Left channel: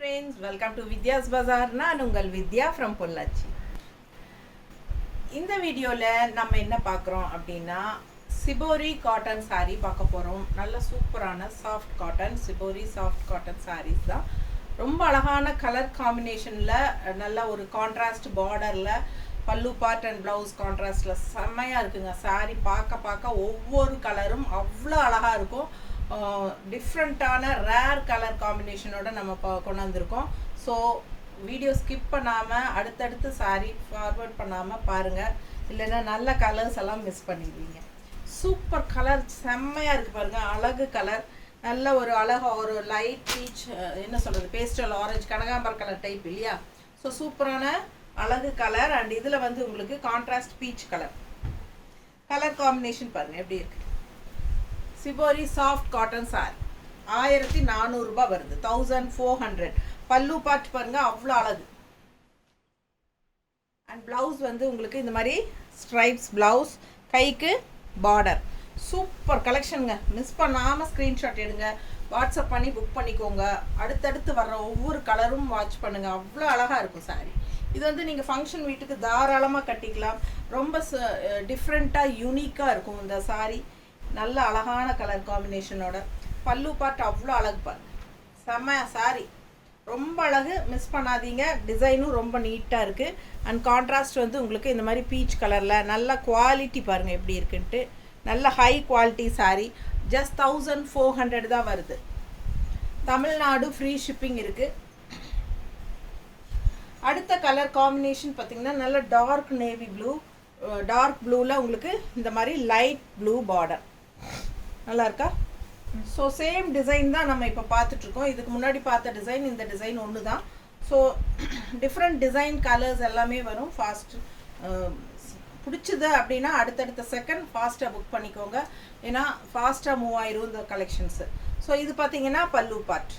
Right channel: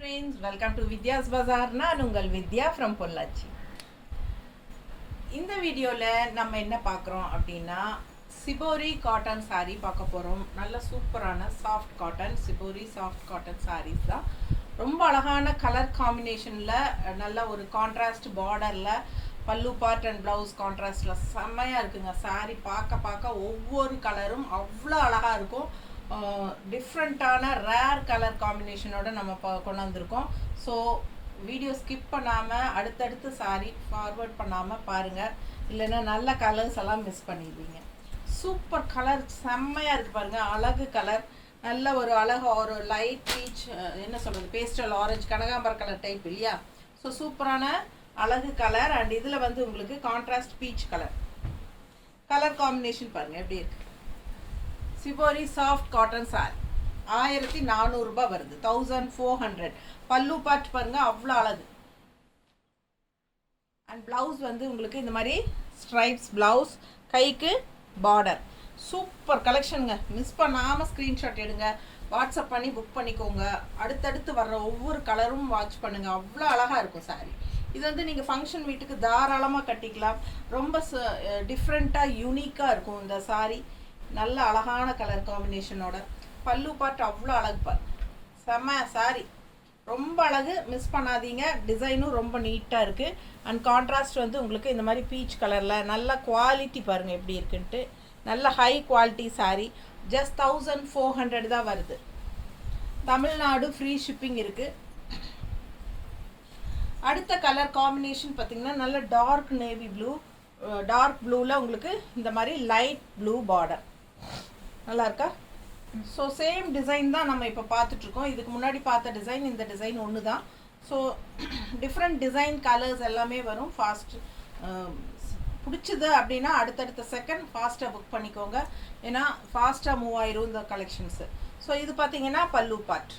friends, welcome to Vidya's Bazaar. நான் உங்கள் வித்யா from Pollachi. இந்த வீடியோவில் நம்ம என்ன பார்க்குறோம் அப்படின்னா சிபோரி காட்டன் saree பார்க்க போகிறோம். நல்ல சூப்பரான soft cotton shibori soft cotton sarees தான். ரொம்ப அழகான கலர் காம்பினேஷனில் நல்ல ஒரு கான்ட்ராஸ்ட் பார்டரில் பல்லு பார்ட் அண்ட் ப்ளவுஸ் கான்ட்ராஸ்டில் செம்மையாக இருக்குங்க. saree பார்க்க ஒவ்வொரு கலரும் அவ்வளோ அழகாக இருக்கும். டிஃப்ரெண்ட்டான ரேர் கலர் காம்பினேஷனோட நம்ம கொண்டு வந்திருக்கோம். ஸோ வீடியோ ஸ்கிப் பண்ணாமல் அடுத்தடுத்து சாரி ஃபார்வர்ட் பண்ணாமல் பாருங்கள், இல்லைன்னா நல்ல கலர்ஸ் எல்லாம் மிஸ் பண்ணிடுவீங்க. சூப்பர் கலர் செம்மையாக இருக்குது பாருங்கள். அழகு கலர், நல்ல ஒரு ஒரு லைட் பீச், என்ன சொல்கிறது, பேஸ்டல் ஆரஞ்சு கனகாம்பர கலர் டைப் இல்லையா. ஸோ சூப்பரான அழகு கலர். அண்ட் இதில் வந்து உங்களுக்கு கான்ட்ராஸ்ட் பீச் கலர் காம்பினேஷன் பாருங்கள் எப்படி இருக்குது. சிபோரி சாஃப்ட் காட்டன் சாரி 1400 ரூபாய் வருது, 1400. பல்லு பார்ட் பாருங்க அவ்வளோ அழகு. அண்ட் ப்ளவுஸ் வந்து உங்களுக்கு இந்த மாதிரி ஸ்ட்ரைப்ஸ் ப்ளவுஸ், கைக்கு பார்டர். சூப்பர் கலெக்ஷனுங்க. மிஸ் பண்ணாமல் ஸ்க்ரீன்ஷாட் எடுங்க, வாட்ஸ்அப் பண்ணி புக் பண்ணிக்கோங்க. அடுத்தடுத்து வர்ற ஒவ்வொரு கலரும் வாட்ச் பண்ணுங்கள், அவ்வளோ அழகாக இருக்கும் சாரி. இது வந்து நீங்கள் ஃபங்க்ஷன் வீட்டுக்கு தாராளமாக கட்டிக்கலாம். ரொம்ப டிஃப்ரெண்ட்டாக யூனிக்காக இருக்கும் இந்த சாரி. நல்ல அழகான கலர் காம்பினேஷனோட பல்லு பார்ட் அவ்வளோ அழகு பாரு, செம்ம சாரி, ரொம்ப அழகு. மிஸ் பண்ணாதீங்க. டிசைனும் ரொம்ப நீட்டாக இருக்குது. அண்ட் கான்ட்ராஸ்ட் வந்து உங்களுக்கு இந்த மாதிரி பீச் கலரில் நல்ல குவாலிட்டி பாருங்கள் எப்படி இருக்குன்ட்டு. நல்ல ஹை குவாலிட்டி சாரி. ஜஸ்ட் 1400 தான் வருது. தமிழ்நாடு ஃப்ரீ ஷிப்பிங் இருக்குது. அடுத்த கலர் காம்பினேஷன் பார்த்திங்கன்னா நல்ல டார்க் நேவி ப்ளூ, டார்க் ப்ளூவில் உங்களுக்கு இந்த மாதிரி லைட் ப்ளூ பார்டர். நல்லா இருக்கா? ஸோ சேம் டிசைன் தான் நம்ம இப்போ பார்த்துட்ருக்கோம். இதுக்கு முன்னாடி பார்த்த டிசைன் இந்த டிசைன் ஒன்று தான். ஸோ டிஃப்ரெண்ட் டிசைன் கலர்ஸ் எல்லாமே வரும். பிடிச்சது அப்படின்னா அடுத்தடுத்த செகண்ட் ஃபாஸ்ட்டாக புக் பண்ணிக்கோங்க, ஏன்னா ஃபாஸ்ட்டாக மூவ் ஆயிரும் இந்த கலெக்ஷன்ஸு. ஸோ இது பார்த்தீங்கன்னா பல்லு பார்ட்.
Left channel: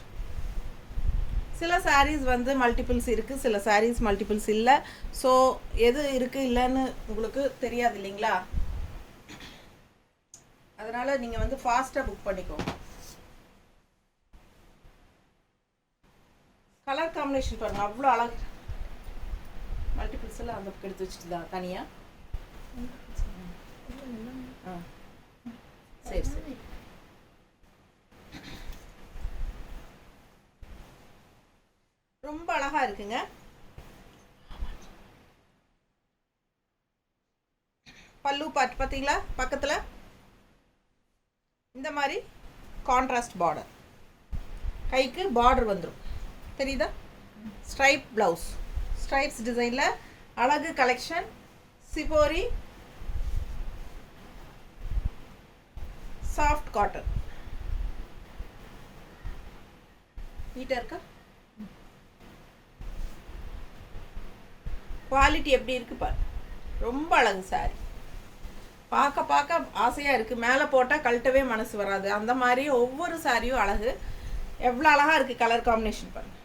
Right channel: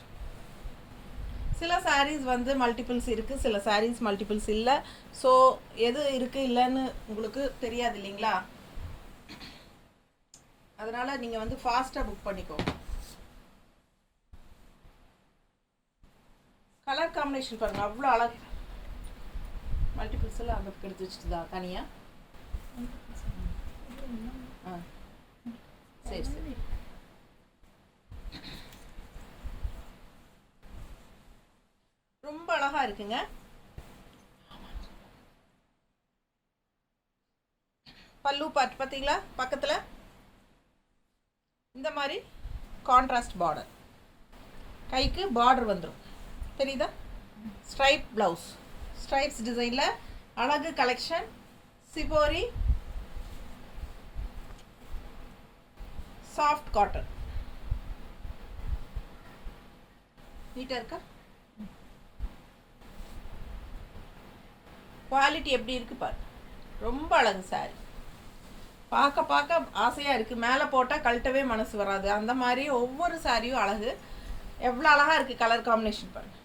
சில சாரீஸ் வந்து மல்டிபிள்ஸ் இருக்குது, சில சாரீஸ் மல்டிபிள்ஸ் இல்லை. ஸோ எது இருக்குது இல்லைன்னு உங்களுக்கு தெரியாது இல்லைங்களா, அதனால் நீங்கள் வந்து ஃபாஸ்ட்டாக புக் பண்ணிக்கோங்க. கலர் காம்பினேஷன் பாருங்கள் அவ்வளோ அழகு. மல்டிபிள்ஸ் எல்லாம் அந்த எடுத்து வச்சுட்டு தான் தனியாக. சரி சரி. ரொம்ப அழகாக இருக்குங்க. பல்லு பார்ட் பார்த்தீங்களா, பக்கத்தில் இந்த மாதிரி கான்ட்ராஸ்ட் பார்டர், கைக்கு பார்டர் வந்துடும் தெரியுதா. ஸ்ட்ரைப் ப்ளவுஸ், ஸ்ட்ரைப்ஸ் டிசைனில் அழகு கலெக்ஷன். சிபோரி சாஃப்ட் காட்டன் நீட்டாக இருக்கா. குவாலிட்டி எப்படி இருக்குது பாரு, ரொம்ப அழகு சாரி. பார்க்க ஆசையாக இருக்குது. மேலே போட்டால் கழட்டவே மனசு வராது, அந்த மாதிரி ஒவ்வொரு சாரியும் அழகு. எவ்வளோ அழகாக இருக்குது கலர் காம்பினேஷன் பாருங்க.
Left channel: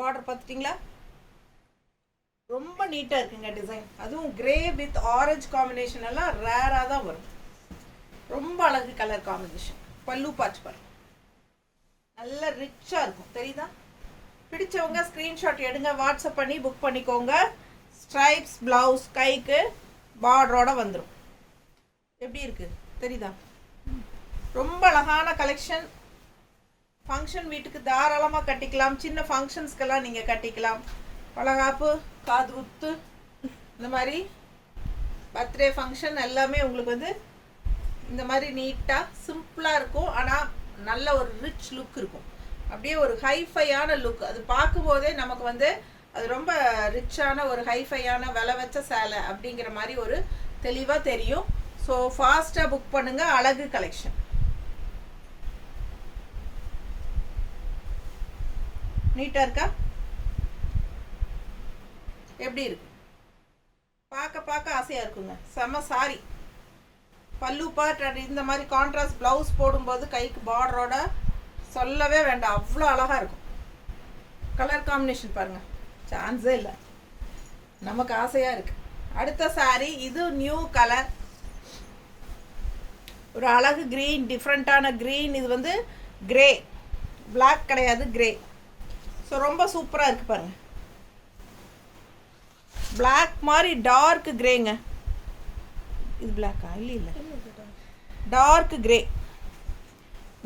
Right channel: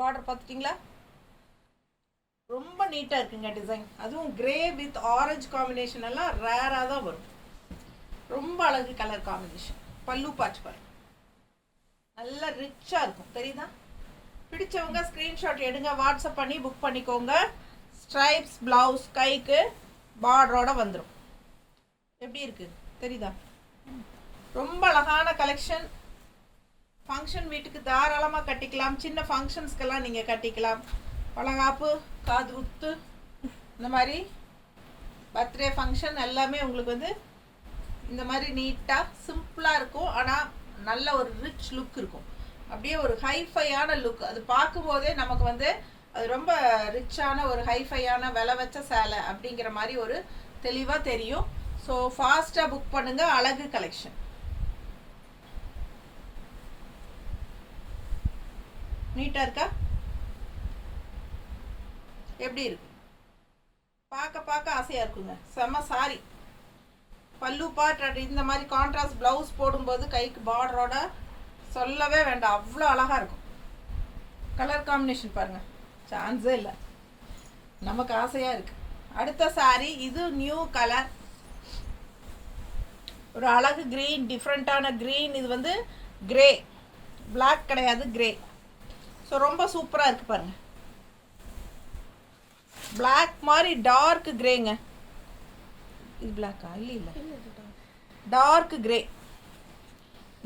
பார்டர் பார்த்துட்டிங்களா, ரொம்ப நீட்டாக இருக்குங்க டிசைன். அதுவும் கிரே வித் ஆரஞ்சு காம்பினேஷன் எல்லாம் ரேராக தான் வரும். ரொம்ப அழகு கலர் காம்பினேஷன். பல்லு பார்ட் பாருங்க நல்லா ரிச்சாக இருக்கும் தெரியுதா. பிடிச்சவங்க ஸ்க்ரீன்ஷாட் எடுங்க, வாட்ஸ்அப் பண்ணி புக் பண்ணிக்கோங்க. ஸ்ட்ரைப்ஸ் ப்ளவுஸ், கைக்கு பார்டரோட வந்துடும். எப்படி இருக்குது தெரியுதா. ரொம்ப அழகான கலெக்ஷன். ஃபங்க்ஷன் வீட்டுக்கு தாராளமாக கட்டிக்கலாம். சின்ன ஃபங்க்ஷன்ஸ்க்கெல்லாம் நீங்கள் கட்டிக்கலாம். வளகாப்பு, காது குத்து, இந்த மாதிரி பர்த்டே ஃபங்க்ஷன் எல்லாமே உங்களுக்கு வந்து இந்த மாதிரி நீட்டாக சிம்பிளாக இருக்கும். ஆனால் நல்ல ஒரு ரிச் லுக் இருக்கும், அப்படியே ஒரு ஹைஃபையான லுக். அது பார்க்கும்போதே நமக்கு வந்து அது ரொம்ப ரிச்சான ஒரு ஹைஃபையான விலை வச்ச சேலை அப்படிங்கிற மாதிரி ஒரு தெளிவாக தெரியும். ஸோ ஃபாஸ்ட்டாக புக் பண்ணுங்கள். அழகு கலெக்ஷன் நீட்டாக இருக்கா, எப்படி இருக்கு பார்க்க ஆசையாக இருக்குங்க. செம்ம சாரி. பல்லு பார்ட் இந்த மாதிரி கான்ட்ராஸ்ட் ப்ளவுஸ் போடும்போது கைக்கு பார்டரோட சொல்லவே வேண்டாம், அவ்வளோ அழகாக இருக்கும். கலர் காம்பினேஷன் பாருங்கள், சான்ஸே இல்லை, நமக்கு ஆசையாக இருக்குது. அடுத்த சாரி இது நியூ கலர் ஒரு அழகு க்ரீன், டிஃப்ரெண்ட்டான க்ரீன். இது வந்து கிரே, பிளாக் கிடையாது, கிரே. ஸோ ரொம்ப சூப்பராக இருக்குது பாருங்கள். பிளாக் மாதிரி டார்க் கிரேங்க. இது பிளாக்கா? இல்லை டார்க் கிரே.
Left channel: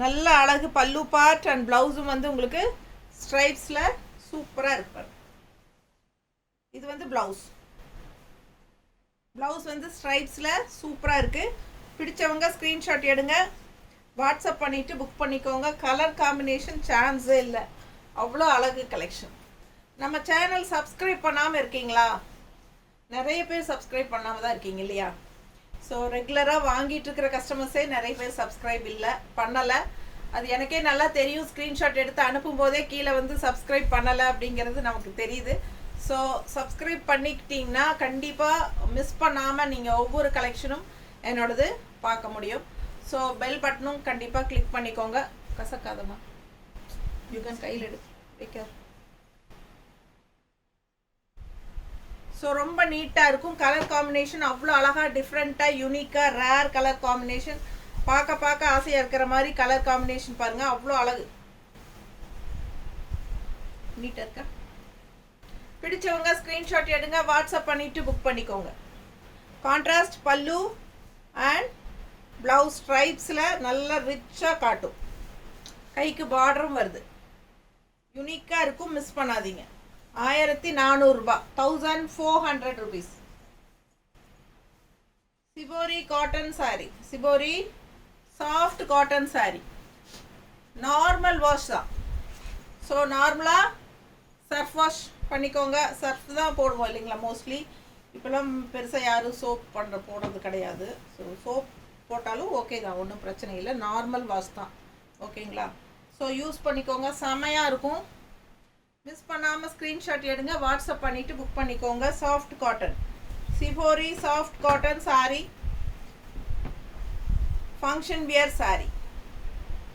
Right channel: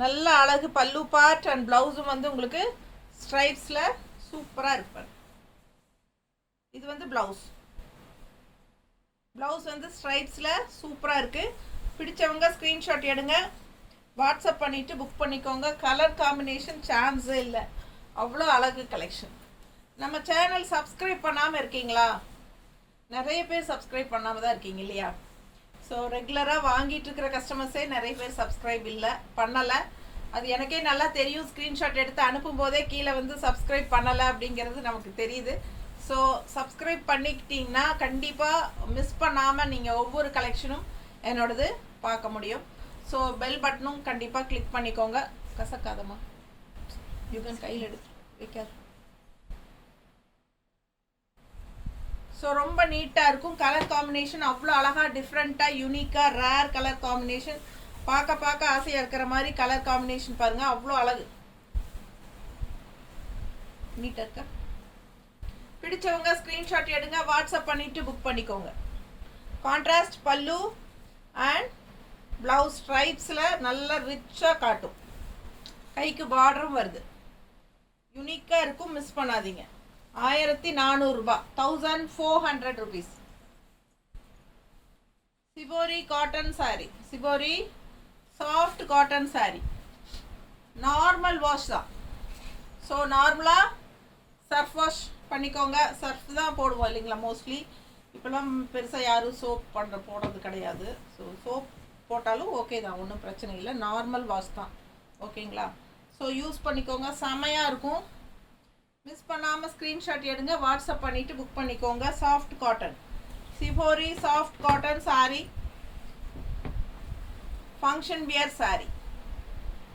நல்ல அழகு. பல்லு பார்ட் அண்ட் ப்ளவுஸும் வந்து உங்களுக்கு ஸ்ட்ரைப்ஸில் சூப்பராக இருப்பார். இது வந்து ப்ளவுஸ் வந்து ஸ்ட்ரைப்ஸில் சூப்பராக இருக்குது. பிடிச்சவங்க ஸ்க்ரீன்ஷாட் எடுங்க, வாட்ஸ்அப் பண்ணிவிட்டு புக் பண்ணிக்கோங்க. கலர் காம்பினேஷன் சான்ஸே இல்லை, அவ்வளோ அழகு கலெக்ஷன். நம்ம சேனல் சப்ஸ்கிரைப் பண்ணாமல் இருக்கீங்களா? நிறைய பேர் சப்ஸ்கிரைப் பண்ணாமல் தான் இருக்கீங்க இல்லையா? ஸோ ரெகுலராக வாங்கிட்டு இருக்கிற கஸ்டமர்ஸே நிறைய பேர் சப்ஸ்கிரைப் பண்ணலை. அது எனக்கே நல்லா தெரியும். ஸ்க்ரீன்ஷாட் எடுத்து அனுப்பும் போதே கீழே வந்து சப்ஸ்கிரைப் பண்ணலை அப்படிங்கிறது நமக்கு தெரியுது. ஸோ சப்ஸ்கிரைப் பண்ணிக்கிட்டிங்கன்னா கண்டிப்பாக மிஸ் பண்ணாமல் நீங்கள் ஒவ்வொரு கலெக்ஷனும் என்னோடது பார்க்க முடியும். ஸோ பெல் பட்டனும் கண்டிப்பாக கிளிக் பண்ணிக்கோங்க. கசக்காதம்மா, யூ கேன் கையில் எடுத்து வைக்கார். ஸோ ரொம்ப நீட்டாக இருக்கும். கலர் காம்பினேஷன் அவ்வளோ அழகாக, டிஃப்ரெண்ட்டாக, யூனிக்காக, ரேர் கலர் காம்பினேஷன். பார்க்க ஆசையாக இருக்கிற மாதிரி கலர் காம்பினேஷன் பாருங்கள், அவ்வளோ அழகு. நீட்டாக இருக்கா? பிடிச்சவங்க ஸ்க்ரீன்ஷாட் எடுங்க, வாட்ஸ்அப் பண்ணிவிட்டு புக் பண்ணிக்கோங்க. கான்ட்ராஸ்ட் பல்லு அண்ட் ப்ளவுஸ் ஸ்ட்ரைப்ஸில் நல்லா ரிச்சாக காட்டும். கைக்கு பார்டரும் வருது, யூனிக்காக இருக்கும். மிஸ் பண்ணாதீங்க. 1400 ரூபாய், 1400 rupees. Shibori cotton sorry, shibori soft cotton sorry. Normal wash தான். ஸோ நார்மலாக சர்ஃப் வாஷ் பண்ணிக்கோங்க. சர்ஃப் தான் போடுவோம் இல்லைங்களா மோஸ்ட்லி. இப்போலாம் பெருசாக யாரும் சோப் போடுறது கிடையாது. ஸோ சோப் போட்டாலும் ஓகே தான், ஒன்றும் பிரச்சனை இல்லை. நார்மல் வாஷ் தான், ஓகேங்களா? ஸோ யூஸ் பண்ணிக்கோங்க, செமையாக இருக்கும். மிஸ் பண்ணாமல் ஸ்க்ரீன்ஷாட் எடுங்க, வாட்ஸ்அப் பண்ணிவிட்டு புக் பண்ணிக்கோங்க. Soft cotton shibori soft cotton sorry, function wear sorry.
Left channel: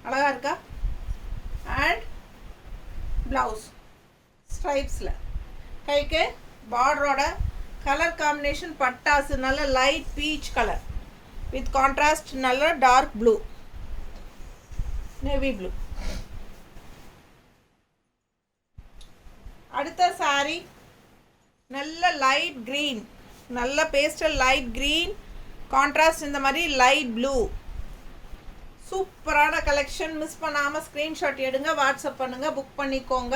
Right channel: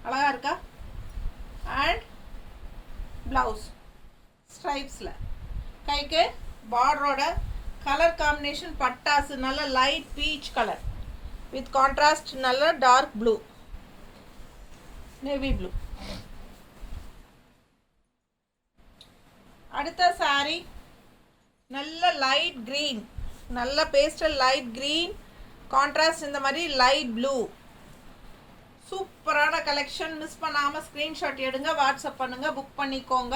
அழகாக இருக்கா? அண்ட் ப்ளவுஸ் ஸ்ட்ரைப்ஸில், கைக்கு பார்டரோட கலர் காம்பினேஷன் பட்டாசு. நல்ல light peach colour with contrast நல்ல டார்க் ப்ளூ, நேவி ப்ளூ. அடுத்த சாரி நல்ல லைட் க்ரீன், நல்ல பேஸ்டல் லைட் க்ரீன், கான்ட்ராஸ்ட் இந்த மாதிரி லைட் ப்ளூ. சூப்பரான கலெக்ஷன். மிஸ் பண்ணாமல் ஸ்க்ரீன்ஷாட் எடுங்க, வாட்ஸ்அப் பண்ணுங்கள், புக் பண்ணிக்கோங்க.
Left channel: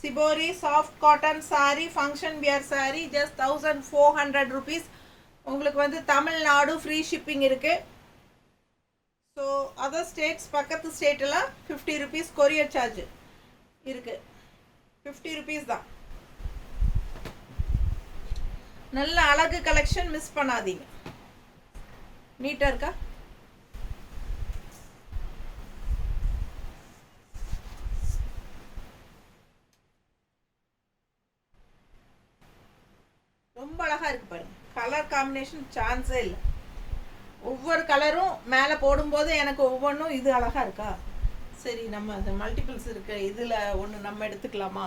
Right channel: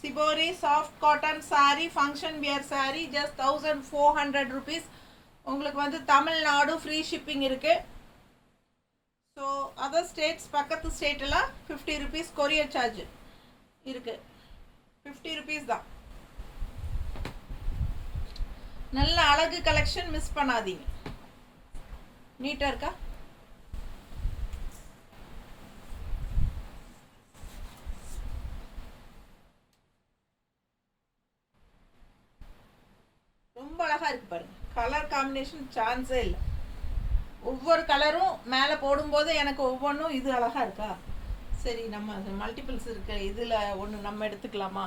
Shibori soft cotton sorry, function wear sorry, just 1400 rupees. உங்களுக்கு வந்து தமிழ்நாடு ஃப்ரீ ஷிப்பிங் இருக்குது. ஸோ அதர் ஸ்டேட்ஸ், பக்கத்து ஸ்டேட்டெல்லாம் 50 rupees கொரியர் சார்ஜ் இருக்குது. 50 rupees தான். நல்ல அழகு கலெக்ஷன், மிஸ் பண்ணாதீங்க. நீட்டாக இருக்கா? ரொம்ப அழகாக இருக்குது பாருங்கள். கலர் காம்பினேஷன் சான்ஸே இல்லை. ஒவ்வொரு கலரும் மேலே போடும்போது எனக்கு ஒவ்வொன்றும் இது அழகாக இருக்கா, சரி நம்ம அந்த மல்டிபிள்ஸ் இருக்கு, இதில் ஒன்று நம்ம எடுத்துக்கலாமா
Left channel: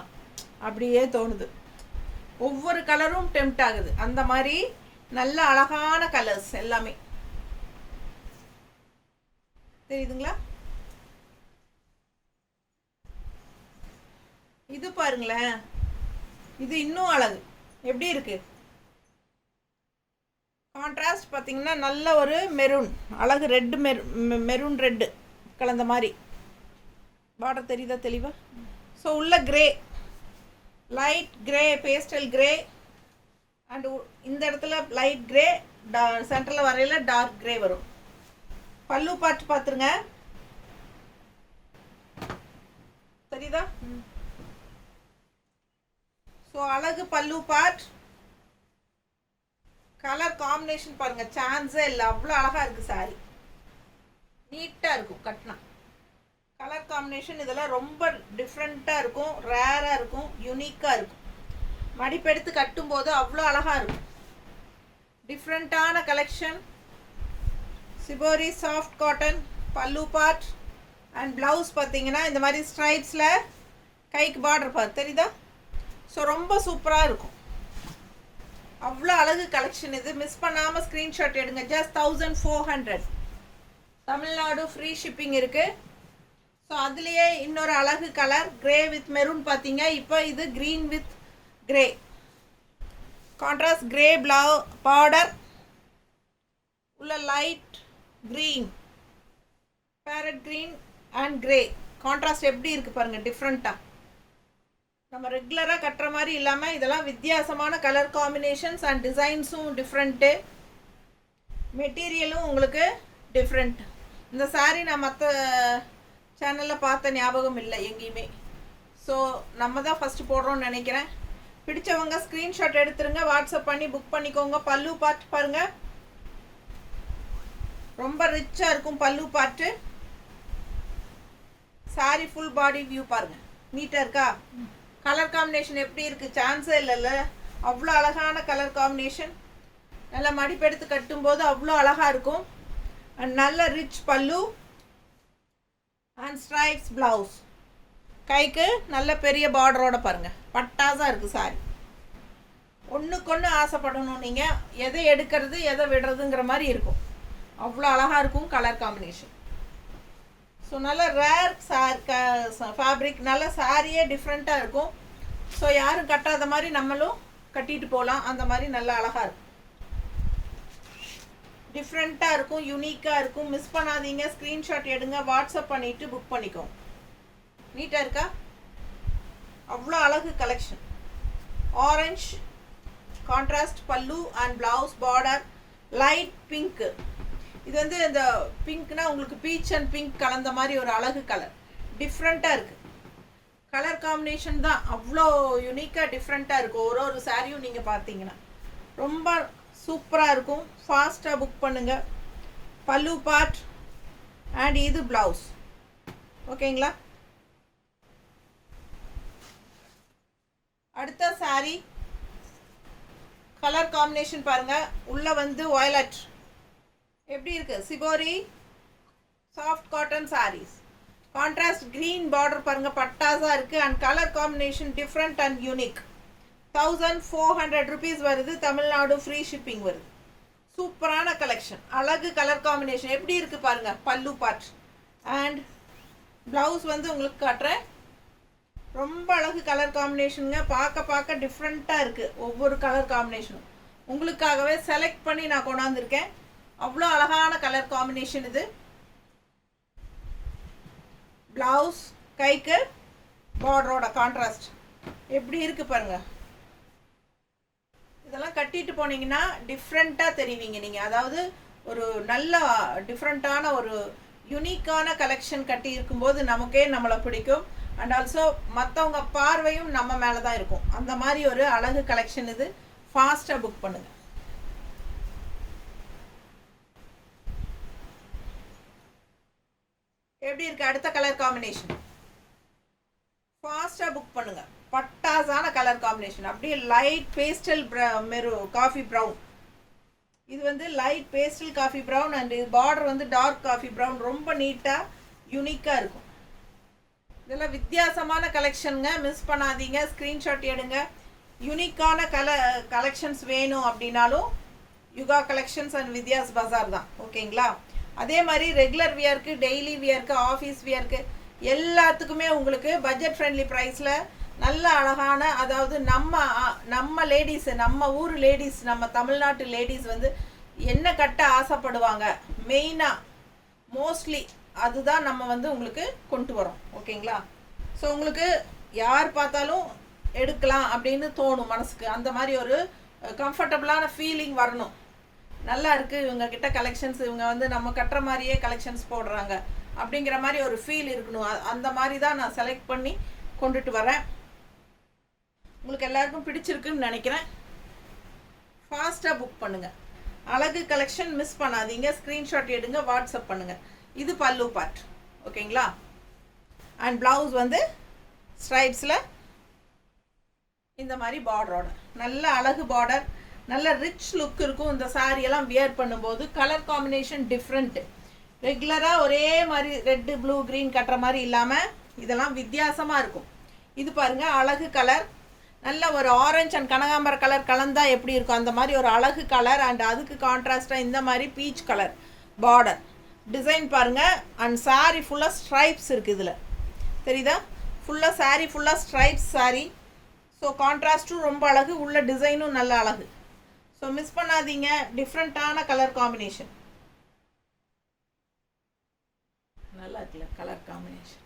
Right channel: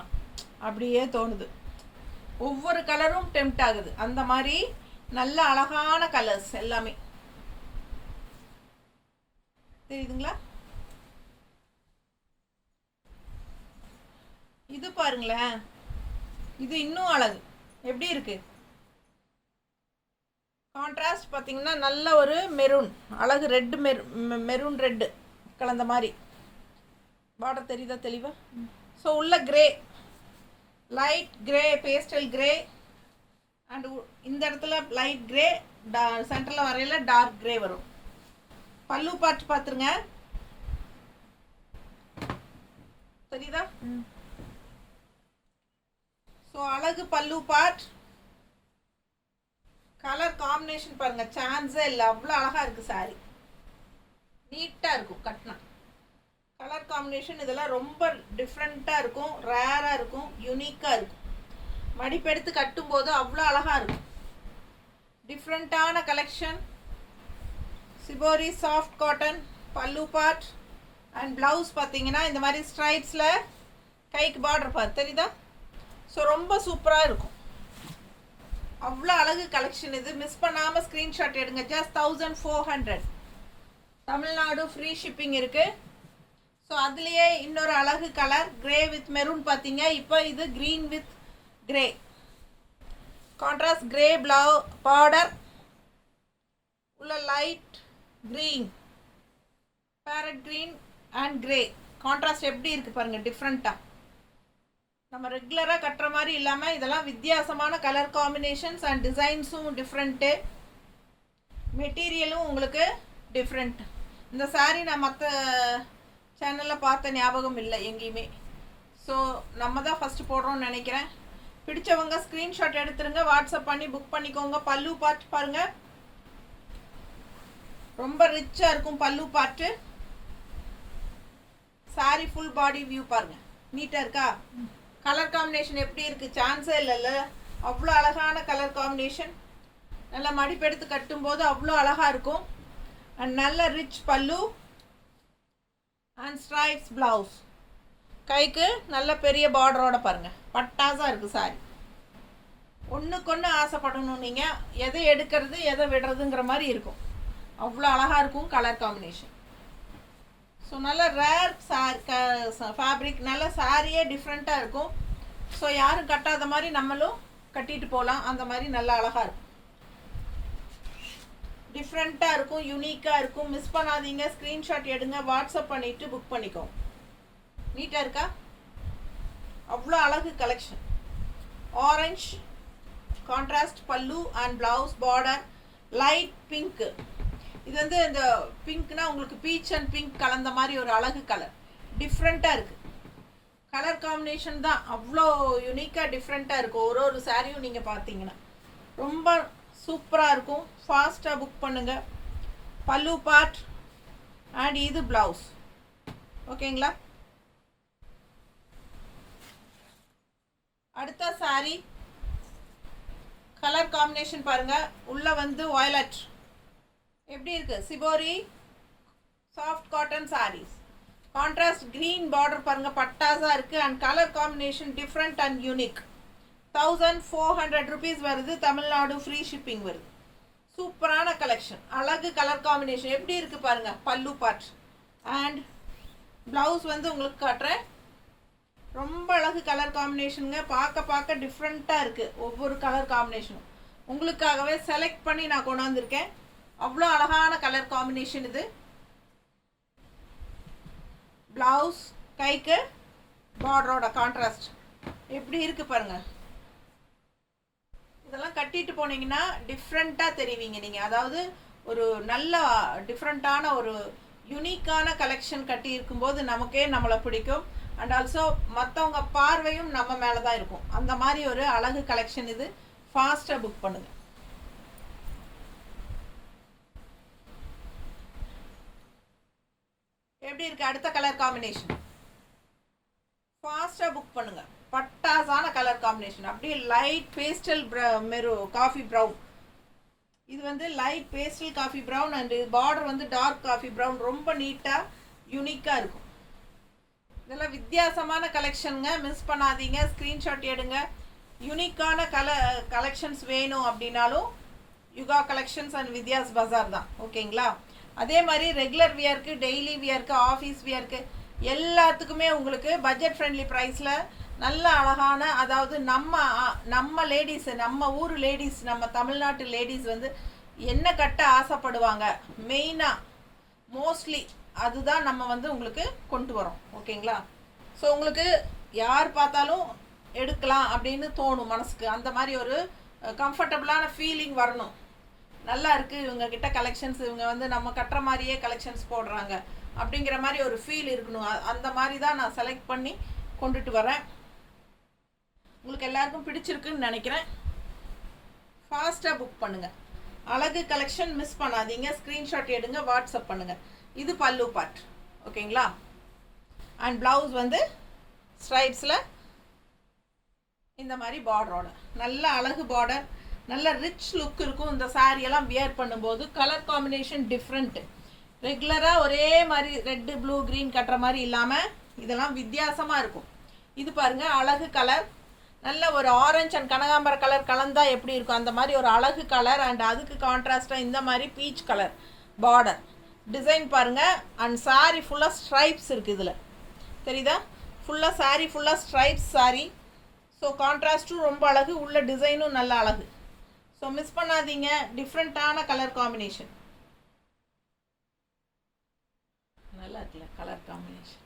அப்படியே தோணுது. ஒவ்வொரு கலரும் டெம்ப்ட் ஆகுது. அந்த மாதிரி நல்ல அழகான கலர்ஸ் எல்லாமே தெரியுதுங்களா? இது பாருங்களேன், இது இன்னும் அழகு. எப்படி இருக்கு? கான்ட்ராஸ்ட் பார்த்தீங்கன்னா நல்ல ஒரு மெரூன், அழகு ரெட்டு, மெரூன் ரெட்டு கலந்த மாதிரி பார்டர் தெரியுதா தெளிவா? ஸோ உள்ள grey, light grey, pastel grey, and இந்த இடத்துல லைட் கிரே, சென்டரில் வரையில டார்க் கிரே வரும். பல்லு பார்த்து பார்த்துருங்க, தெரியுதா? ஸோ அழகு பல்லு பார்ட். கலர் காம்பினேஷன் பாருங்க, சான்ஸே இல்லை, அவ்வளோ அழகாக இருக்குது சாரி. நீட்டாக இருக்கும் கட்டினா. கலர் காம்பினேஷன் இதெல்லாம் ரொம்ப டிஃப்ரெண்ட்டாக இருக்கும், ரேராக இருக்கும், யூனிக்காக இருக்கும். மடிப்பெடுத்து கட்டும்போது அவ்வளோ அழகாக இருக்கும். டிஃப்ரெண்ட்டான கலெக்ஷன். சிபோரி சாஃப்ட் காட்டன் பல்லு பார்ட் அண்ட் ப்ளவுஸ் பார்த்தீங்கன்னா இந்த மாதிரி ஸ்ட்ரைப்ஸில் கைக்கு பார்டர் பார்த்து தெரியுதா? ஸோ ரொம்ப சூப்பராக இருக்கும். அவ்வளோ அழகு கலெக்ஷன் இது. மிஸ் பண்ணாமல் ஸ்க்ரீன்ஷாட் எடுங்க. ஜஸ்ட் 1400. தமிழ்நாடு ஃப்ரீ ஷிப்பிங் இருக்குது. ஸோ அதுலேயே இன்னொரு அழகு கலர் கிரே வித் மெரூன் பார்த்தீங்க. இப்போ இது green with grey contrast grey border உள்ள light green parrot green and grey contrast எப்படி இருக்குது பாருங்கள், டிஃப்ரெண்ட்டாக. நம்ம ரெகுலராக கட்டுற மாதிரி இல்லாமல் இதெல்லாம் வித்தியாசமான கலர் காம்பினேஷன்ஸ் அண்ட் டிசைன்ஸும் டிஃப்ரெண்ட்டு, மெட்டீரியலும் உங்களுக்கு டிஃப்ரெண்ட். இந்த சாரீ நான் மற்ற சேனலில் பார்த்த ஞாபகம் இல்லை எங்கேயுமே. ஸோ நம்ம தான் ஃபஸ்ட்டு போடுறோம்னு நினைக்கிறேன். பிடிச்சவங்க ஸ்க்ரீன்ஷாட் எடுத்துருங்க, வாட்ஸ்அப் பண்ணி புக் பண்ணிக்கோங்க. பல்லு பார்த்து பாருங்கள், ரொம்ப ரிச்சாக இருக்கும் பல்லு part. Sorry full body view பாருங்கள், நீட்டாக இருக்கா? கலர் காம்பினேஷன் எப்படி இருக்குது, சான்ஸே இல்லைல்ல. அவ்வளோ அழகான கலர் காம்பினேஷன். நல்லா மடிப்பெடுத்து கட்டும்போது அவ்வளோ அழகாக இருக்கும். அண்ட் நல்ல ரிச் பல்லு அண்ட் ஸ்ட்ரைப்ஸ் ப்ளவுஸ். கைக்கு நல்ல பெரிய பார்டரோட பாருங்கள், பட்டாசாக இருக்குது சாரி. ஒன்றுக்கு ஒன்று ஆசைப்படணும் நீங்கள், எதை எடுக்கிறது எதை விடுறதுங்கிற மாதிரி இருக்கும். அவ்வளோ அழகாக இருக்கும் கலர் காம்பினேஷன். ஸோ நல்ல ரேர் ஃபேப்ரிக், நல்ல சாரியே டிஃப்ரெண்ட்டாக இருக்கும். ஸோ யாரும் கட்டாத மாதிரி நம்மளும் கட்டிட்டு போகலாம். அந்த மாதிரி நல்லா அழகாக இருக்கும், டிஃப்ரெண்ட்டாக இருக்கும், யூனிக்காக இருக்கும். மிஸ் பண்ணாதீங்க, ஸ்க்ரீன்ஷாட் எடுங்க, வாட்ஸ்அப் பண்ணிவிட்டு புக் பண்ணிக்கோங்க. நீட்டாக இருக்கா? அவ்வளோ அழகு கலெக்ஷன். ஆரஞ்ச் கான்ட்ராஸ்ட் பல்லு and blouse, border light pink. இது வந்து இந்த பிங்க்னா உங்களுக்கு பீச் அண்ட் பிங்க் கலந்த மாதிரி ஒரு அழகு கலர், டிஃப்ரெண்ட்டாக இருக்குது. கலர் காம்பினேஷன் தான் அவ்வளோ யூனிக்காக டிஃப்ரெண்ட்டாக இருக்கும். ஒரு ஒரு சாரியும் நீங்கள் பார்த்தீங்கன்னா ரொம்ப சூப்பராக இருக்கும். ஃபாஸ்ட்டாக புக் பண்ணுங்கள். பல்லு பார்ட் அண்ட் இது ப்ளவுஸ். ஓகேங்களா? அடுத்த சாரி கலர் காம்பினேஷன் பாருங்கள். உள்ளே வந்து வயலட் எப்படி இருக்குது, shibori soft cotton saris. Contrast green border பாருங்கள், பட்டாஸாக இருக்குது. And colour combination different and unique. 1400 rupees வருது. தமிழ்நாடு ஃப்ரீ ஷிப்பிங் வருது. சூப்பரான கலெக்ஷன், அழகு கலர் காம்பினேஷன். எப்படி இருக்குது பாருங்கள் பல்லு பார்ட் அண்ட் ப்ளவுஸ் வந்து உங்களுக்கு காட்டுறேன். ரொம்ப அழகு கலர் காம்பினேஷனுங்க. பார்க்க டிஃப்ரெண்ட்டாக இருக்குது ஒவ்வொரு கலர் காம்பினேஷனும். உங்களுக்காகவே செலக்ட் பண்ணி நான் கொண்டாந்துருக்கேன். அவ்வளோ அழகான கலர் காம்பினேஷன் இது. ப்ளவுஸ் கைக்கு பார்டரோட கான்ட்ராஸ்ட் எப்படி இருக்குது பாருங்கள். இதெல்லாம் கட்டிட்டு போனீங்கன்னா டிஃப்ரெண்ட்டாக தெரிவிங்க நீங்கள். அதாவது ஒரு நல்ல டிஃப்ரெண்ட்டான ஒரு யூனிக்கான கலெக்ஷன் கட்டி இருக்கும்போது நமக்கே நம்மளை பிடிக்கும். அண்ட் ஆல்சோ மற்றவங்க பார்வையும் நம்ம மேலே தான் இருக்கும். அந்த மாதிரி ஒரு அழகு கலெக்ஷன் இது. ஃபாஸ்ட்டாக புக் பண்ணுங்கள். எப்படி இருக்குது அடுத்த கலர் காம்பினேஷன்? ஃபாஸ்ட்டாக புக் பண்ணுங்கள். பட்டாசான கலர் காம்பினேஷன். அப்படியே லைட் பேஸ்டல் காஃபி ப்ரௌன். இது வந்து light pastel coffee brown and border வந்து டார்க் காஃபி ப்ரௌன். ரொம்ப நீட்டாக யூனிக்காக இருக்கும். இதெல்லாம் வித்தியாசமான கலெக்ஷனுங்க, மிஸ் பண்ணாதீங்க. ஸ்க்ரீன்ஷாட் எடுங்க. யூனிக்கான கலெக்ஷன்ஸ் வேணும் அப்படின்னாலும் யுகா கலெக்ஷன்ஸ் அண்ட் வித்யாஸ் பஜார் தான். ஓகேங்களா? அதே மாதிரி ரெகுலர் வியருக்கு, டெய்லி வியருக்கு, ஆஃபீஸ் வியருக்கு எல்லாத்துக்குமே உங்களுக்கு பட்ஜெட் ஃப்ரெண்ட்லி ப்ரைஸில் நல்ல அழகான, அதாவது நம்ம லேடிஸு, நம்ம ஊர் லேடிஸ், நம்ம தமிழ்நாட்டு லேடிஸ் வந்து என்ன கட்ட ஆசைப்படுவாங்க மெயினாக மோஸ்ட்லி அதுதான் நம்ம வந்து உங்களுக்கு கொண்டு வரோம். ஓகேங்களா? ஸோ உங்களுக்கு யார் பார்த்தாலும் எடுக்கலாம் அப்படின்னு தோணும் மனசுக்கு. அந்த மாதிரி ஒரு கம்ஃபர்டபுளான ஃபீலிங் வரணும். நல்லா இருக்குது இவங்கக்கிட்ட கலெக்ஷன்ஸ், இவங்க வந்து நம்ம கட்டுற மாதிரியே கலெக்ஷன்ஸ் போடுறாங்க அப்படிங்கிற மாதிரி ஒரு ஃபீல் இருக்கணும். அந்த மாதிரி தான் நான் செலக்ட் பண்ணி கொண்டுட்டு வரேன். உங்களுக்கு எல்லாருக்கும் பிடிச்சிருக்குன்னு நினைக்கிறேன். ஃபாஸ்ட்டாக புக் பண்ணுங்கள். அழகு கலெக்ஷன் மிஸ் பண்ணாதீங்க. ஸ்க்ரீன்ஷாட் எடுங்க, வாட்ஸ்அப் பண்ணுங்கள். இது பல்லு பார்ட். ஓகேங்களா? அண்ட் ப்ளவுஸ் வந்து ஸ்ட்ரைப்ஸில் இந்த மாதிரி பார்டரோட நல்ல அழகு பார்டர், நல்ல ரிச் லுக் இருக்கும். இந்த சாரியெல்லாம் வியர் பண்ணும்போது கலர் காம்பினேஷன் டிஃப்ரெண்ட்டு. ரெகுலராக ஒரே மாதிரி ரெட்டு ப்ளூ க்ரீன் கட்டுற மாதிரி இல்லாமல் இதெல்லாம் வித்தியாசமாக இருக்கும். இது பாருங்கள் அழகு கலர், நல்ல ஒரு ஆரஞ்ச் அண்ட் கனகாம்பர கலர் கலந்தால் எப்படி இருக்கும் அந்த மாதிரி ஒரு அழகு கலர். அண்ட் அதுக்கு கான்ட்ராஸ்டாக இந்த மாதிரி பீச் கலர் பார்டர், டிசைன் பாருங்கள். அண்ட் சாரீ ஃபுல்லாக ஸ்ட்ரைப்ஸ் இருக்குது இதில், தெரியுதா? ஃபுல்லாக சாரீ ஃபுல்லாக ஸ்ட்ரைப்ஸ் சாரீ. ஸோ கான்ட்ராஸ்ட்டும் ரொம்ப அழகு, உள்ள டிசைனும் நல்ல அழகு. ஸோ மிஸ் பண்ணாதீங்க. டிஃப்ரெண்ட்டான கலர் காம்பினேஷன், நல்லா இருக்குல்ல கலர் காம்பினேஷன்,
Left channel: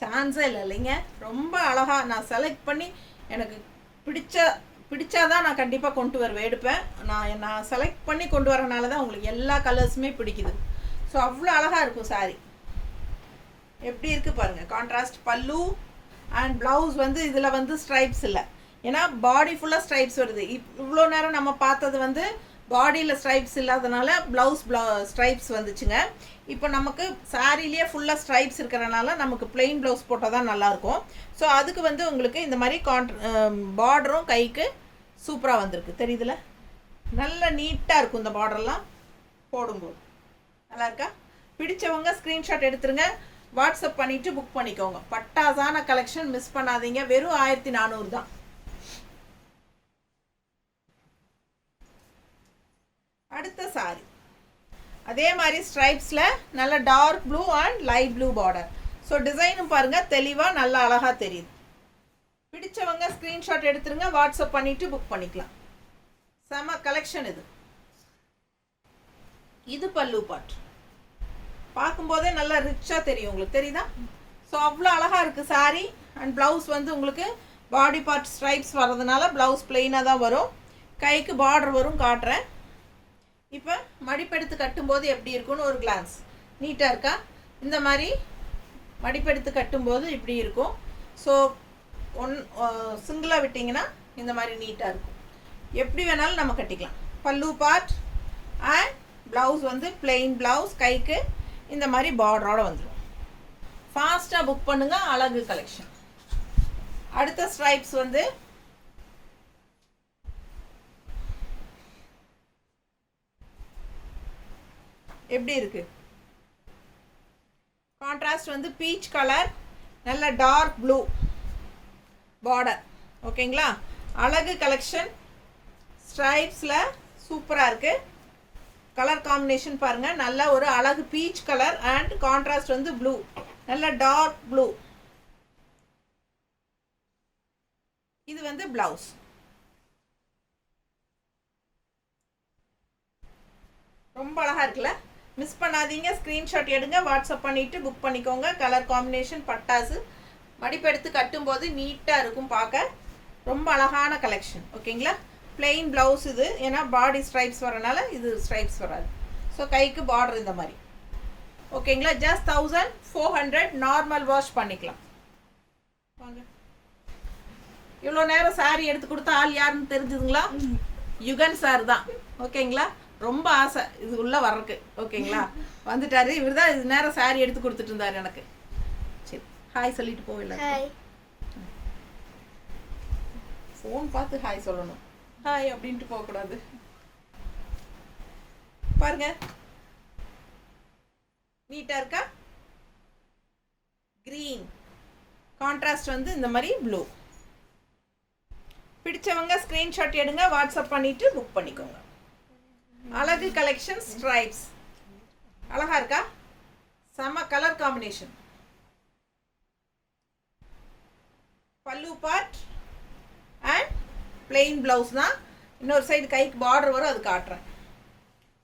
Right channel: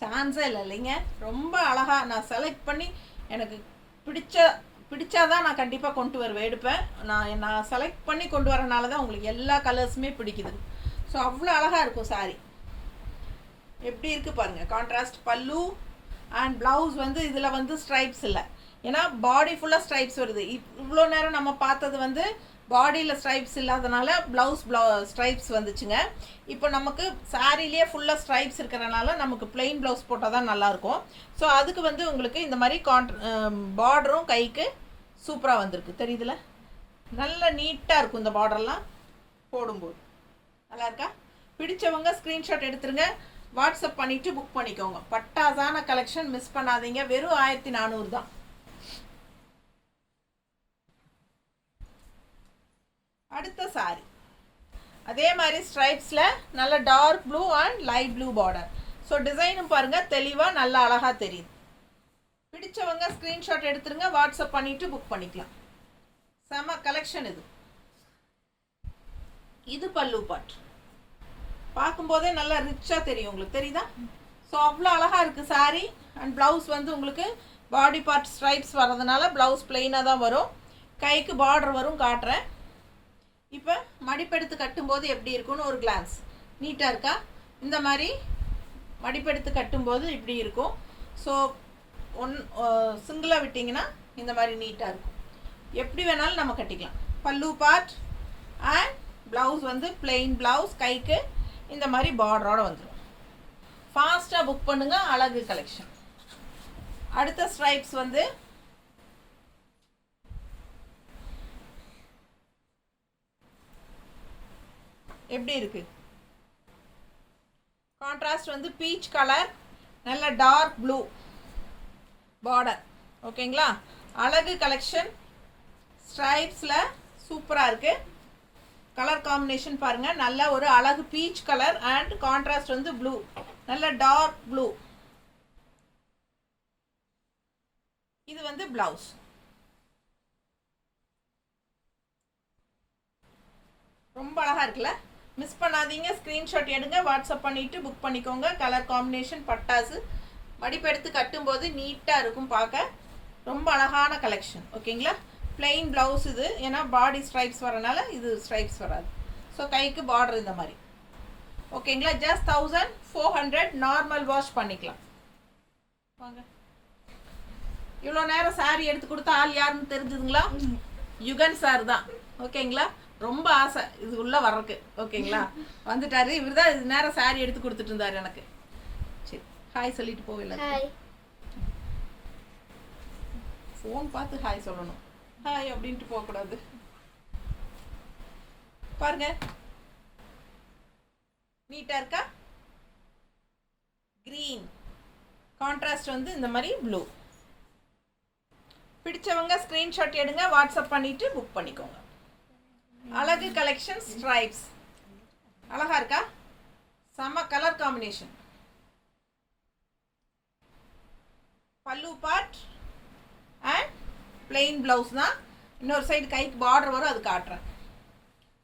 சான்ஸே இல்லை இல்லைங்க. ரொம்ப அழகாக நான் செலக்ட் பண்ணி எனக்கு பிடிச்சாதான் நான் கண்டிப்பாக கொண்டு வருவேன், எடுப்பேன். நான் செலக்ட் பண்ணி கொண்டு வரனால தான் உங்களுக்கு எல்லா கலர்ஸுமே பிடிக்குது. ஸோ அவ்வளோ அழகாக இருக்கும் சாரீ. எப்படி இருக்குது பாருங்கள். கான்ட்ராஸ்ட் பல்லு அண்ட் ப்ளவுஸ் வந்து இதில் வந்து ஸ்ட்ரைப்ஸ் இல்லை, ஏன்னா பாடி ஃபுல்லாக ஸ்ட்ரைப்ஸ் வருது. இவ்வளோ நேரம் நம்ம பார்த்தது வந்து பாடியில் ஸ்ட்ரைப்ஸ் இல்லாதனால ப்ளவுஸ் ஸ்ட்ரைப்ஸ் வந்துச்சுங்க. இப்போ நமக்கு சாரிலேயே ஃபுல்லாக ஸ்ட்ரைப்ஸ் இருக்கிறனால நமக்கு பிளெயின் ப்ளவுஸ் போட்டால் தான் நல்லாயிருக்கும். ஸோ அதுக்கு வந்து உங்களுக்கு இந்த மாதிரி பார்டரும் கைக்கு சூப்பராக வந்திருக்கு, தெரியுதுல? நல்ல நீட்டாக இருக்கும் இந்த பார்டர்லாம் போடும்போது. நல்லா இருக்கா? பிடிச்சவங்க ஸ்க்ரீன்ஷாட் எடுத்துருங்க, வாட்ஸ்அப் பண்ணிவிட்டு புக் பண்ணிக்கோங்க. பட்டாசான கலெக்ஷன், மிஸ் பண்ணாதீங்க. வெறும் 1400 தான். அடுத்த சாரி அதே மாதிரி ஸ்ட்ரைப்ஸில் நல்ல dark blue and light blue border. So டிசைனும் பாருங்கள் தெளிவாக நல்லா அழகாக தெரியுது. பிடிச்சவங்க ஸ்க்ரீன்ஷாட் எடுத்துருங்க, வாட்ஸ்அப் பண்ணிவிட்டு புக் பண்ணிக்கலாம். செம கலெக்ஷன் இது. இது பல்லு பார்ட் பார்க்கும்போதே நல்லா ரிச்சாக தெரியும் உங்களுக்கு, தெரியுதா? ஸோ அவ்வளோ அழகாக இருக்குது சாரீ. அண்ட் ப்ளவுஸ் வந்து உங்களுக்கு பாடி பார்ட் ஸ்ட்ரைப்ஸ் வர்றதுனால ப்ளவுஸ் பிளெயினாக தான் வரும், கைக்கு பார்டர் வரும். காட்டுறேன். இப்போ மடிப்பெடுத்து கட்டும்போது எப்படி இருக்குன்னு ஒரு கிளான்ஸ். நீட்டாக இருக்கா? இந்த மாதிரி மடிப்பெடுத்து கட்டும்போது இப்படி இருக்கும். ஸோ சிங்கிளாக விட்டிங்கன்னா இந்த மாதிரி நீட்டாக இருக்கும். எப்படி வேணாலும் நம்ம கட்டிக்கலாம். பல்லு பார்ட் அண்ட் ப்ளவுஸ் வந்து பிளெயின் ப்ளவுஸ், கைக்கு இந்த மாதிரி பார்டரோடு வந்துடும். ஃபாஸ்ட்டாக புக் பண்ணுங்கள், அழகு கலெக்ஷன். அடுத்த ஸ்ட்ரைப்ஸ் வந்து எப்படி இருக்கு? கான்ட்ராஸ்ட் வந்து பீச் கலர், நல்ல டார்க் ப்ளூ பார்டர். ஓகேங்களா? அழகு கலெக்ஷன். ஸ்ட்ரைப்ஸில் சூப்பராக இருக்குது. கலர் காம்பினேஷன் பாருங்கள், நல்ல ஒரு அழகு பீச் கலர் அண்ட் கான்ட்ராஸ்ட் வந்து ப்ளூ, நல்ல டார்க் ப்ளூ. இது வந்து ப்ளவுஸ். ரொம்ப அழகாக இருக்குல்ல? மிஸ் பண்ணாதீங்க, ஸ்க்ரீன்ஷாட் எடுங்க, வாட்ஸ்அப் பண்ணிவிட்டு புக் பண்ணிக்கோங்க. கலர் காம்பினேஷன் பட்டாசு. மடிப்பெடுத்து கட்டும்போது நீட்டாக இருக்கும் பார்க்க. ரொம்ப அழகான கலெக்ஷன். ஓகேங்களா? பிளெயின் ப்ளவுஸ் இது, ஏன்னா பாடி ஸ்ட்ரைப்ஸ் வரனால இது ஸ்ட்ரைப்ஸ் வராது. ஸோ கைக்கு பார்டர் இந்த மாதிரி. ஓகேங்களா? ஜஸ்ட் 1400. நார்மல் வாஷ் பண்ணிக்கலாம். வாங்க. இவ்வளோ நேரம் சாரி எடுத்து கொடுத்தா ஆள் யாருன்னு தெரிஞ்சுதுங்களா? யுகன் சார் தான். ஓகேங்களா? ரொம்ப ஆசை இது உள்ளே வர்றதுக்கு. ஓகேங்களா? வந்துட்டாரு. இவர் தான் இது நேரம் சாரி எடுத்து கொடுத்துட்டு இருந்தார் எனக்கு. சரி, ஹாய் சொல்லிட்டு போகல. ஃபோன் பார்த்து ஹாய் சொல்லணும், ஹாய் அப்படின்ட்டு போகக்கூடாது. பாருங்க, நீட்டாக இருக்கா? க்ரீன் கான்ட்ராஸ்ட் வந்து இந்த மாதிரி ப்ளூ. பிடிச்சவங்க ஸ்க்ரீன்ஷாட் எடுங்க, வாட்ஸ்அப் பண்ணிவிட்டு புக் பண்ணிக்கோங்க. அழகு கலெக்ஷன். ஸ்ட்ரைப்ஸ் அழகா இருக்கா? செம கலர் காம்பினேஷன். பல்லு பார்ட் அண்ட் பிளெயின் ப்ளவுஸ் தான். இன்னொரு சைடு கைக்கு பார்டர் வரும், அது காட்டுறேன்.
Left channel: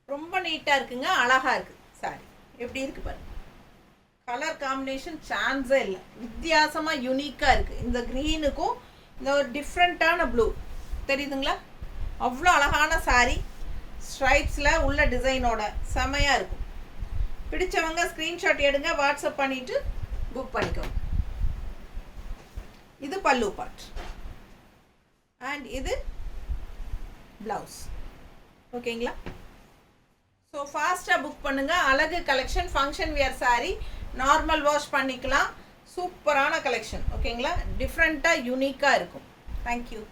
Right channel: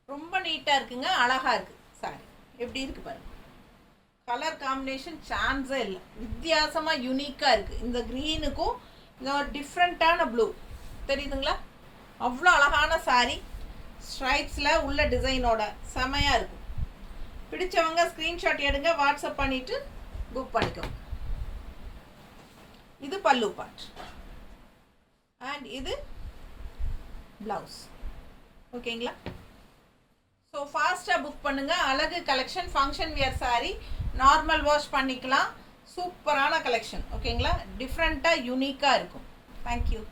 ரொம்ப நீட்டாக இருக்குங்க, அழகாக இருக்குது சாரி. எப்படி இருக்குது பாருங்க. கலர் காம்பினேஷன் சான்ஸே இல்லை, வித்தியாசமாக யூனிக்காக இருக்குது. இந்த க்ரீனுக்கும் இந்த ஒரு டிஃப்ரெண்ட்டான ப்ளூ தெரியுதுங்களா? அவ்வளோ அழகான சாரி. ஸ்ட்ரைப்ஸில் உள்ள டிசைனோட செமையாக இருக்கும். பிடிச்சவங்க ஸ்க்ரீன்ஷாட் எடுங்க, வாட்ஸ்அப் பண்ணிவிட்டு புக் பண்ணிக்கோங்க. இது பல்லு பார்ட் அண்ட் இது ப்ளவுஸ். ஓகேங்களா? ஸோ ஃபாஸ்ட்டாக புக் பண்ணுங்கள். அழகு collection. Function wear sorry, normal wash பண்ணிக்கலாம். சூப்பரான கலெக்ஷன். ஓகேங்களா? டிஃப்ரெண்ட்டாக யூனிக்காக இருக்கும். தேங்க்யூ.